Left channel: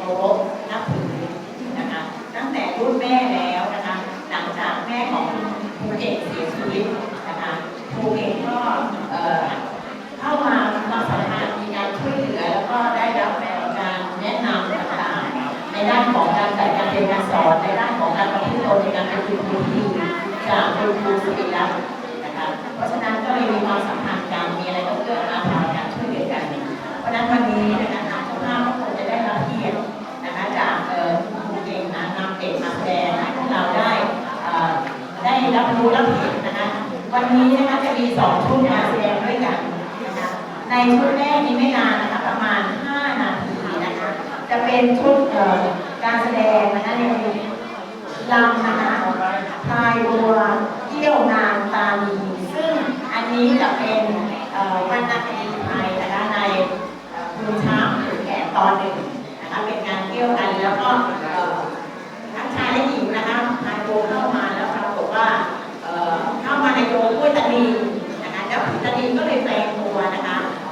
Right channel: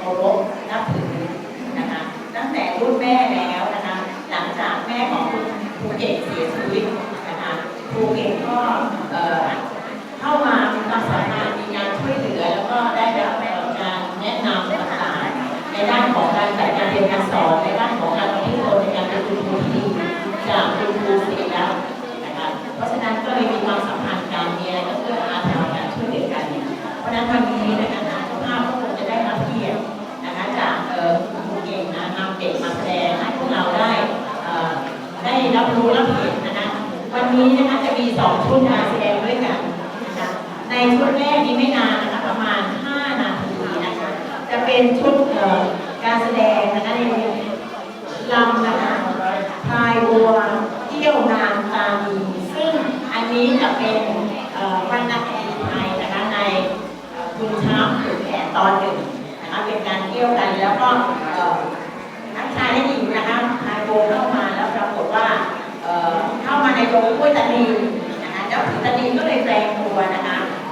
เคารพนับถือนะคะตั้งแต่รุ่นแม่แล้วนะคะหลังจากแม่ของครูเก่งเสียชีวิตนะคะครูเก่งก็เข้ามามีความสามารถมีการช่วยเหลือแล้วก็ได้รับการแนะนำต่างๆในด้านของการจัดการเรียนการสอนในด้านของการประพฤติตนในการเป็นครูที่ดีจากคุณครูสุริรัตน์นะคะเพราะฉะนั้นก็เลยมีความสัมพันธ์กันมีอะไรก็เพื่ออาทรกันช่วยเหลือกัน เพราะฉะนั้นวันนี้นะคะ ชุดแรกนี้ไม่นานนะคะประมาณ 5 นาทีนะคะ จะเป็นชุดการแสดงนะคะในลำนะคะพายบัวเกี่ยวนางตานีซึ่งอันนี้จะเป็นวรรณคดีไทยนะคะในเอ่อคุณช้างขุนแผนตอนหนึ่งนะคะเป็นการเกี่ยวกันแล้วก็เอ่อทั้งชายและหญิงนะคะพายโบเข้ามาแล้วปรากฏว่าเข้ามาในโบกุ้ยตานี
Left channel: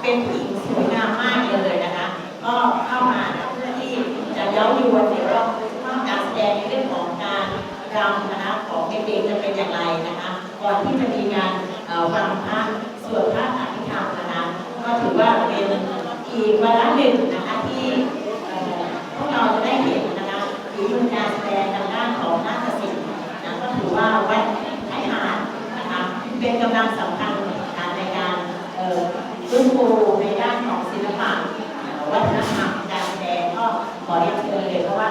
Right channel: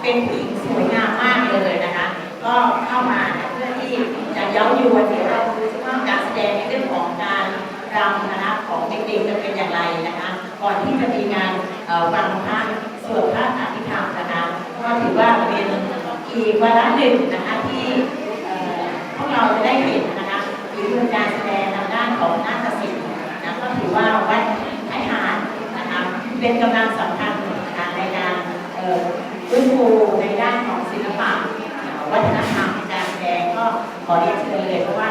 เป็นผู้หญิงสวยงามมากเลยนะคะ ก็เข้ามาเพื่อที่จะเย้ายวนเดี๋ยวเราดูว่าการแสดงในเรื่องของการรำนะคะของเด็กๆจะเป็นอย่างไรนะคะ ก่อนที่จะมีการเอ่อฟังพระสวดพระอภิธรรมนะคะก็ถือว่าเป็นอีกวาระหนึ่งนะคะที่พวกเราจะได้เห็นนะคะหรือมีการแสดงทางด้านของนาฏศิลป์นะก็ถือว่าวัดไอหารนะคะเป็นกำลังสำคัญนะคะในการเอ่อ ฟื้นฟูในด้านของศิลปะวัฒนธรรมการแสดงก็ขอเรียนเชิญเลยเพราะว่า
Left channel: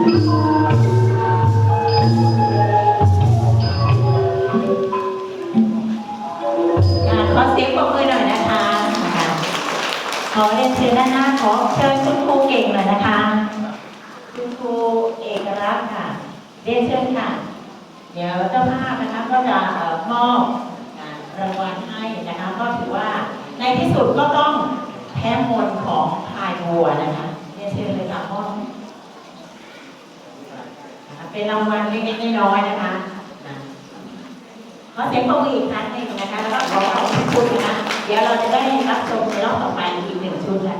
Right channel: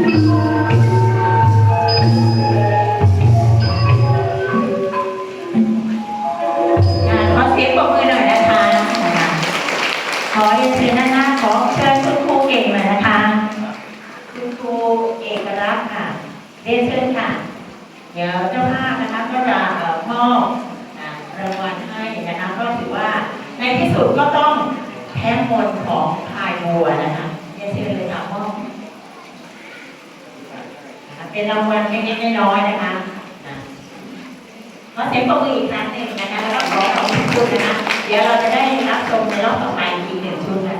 ขอเสียงปรบมือหน่อยนะคะนะคะขอเรียนเชิญหน้าขอเชิญครูเก่งหน่อยนะคะครูเอกลักษณ์ค่ะ เรียนเชิญค่ะ เดี๋ยวเจ้าภาพนะคะก็จะมอบรางวัลให้นะคะก็ถือว่าในที่สุดก็ต้องแพ้มนของพายบัวนะคะ เป็นรางวัลเล็กๆน้อยๆนะคะขอเสียงปรบมืออีกครั้งหนึ่งนะคะแล้วก็ขอขอบคุณนะคะ เดี๋ยวเราจะได้รับชมในรอบต่อไปอีกหนึ่งชุดนะคะ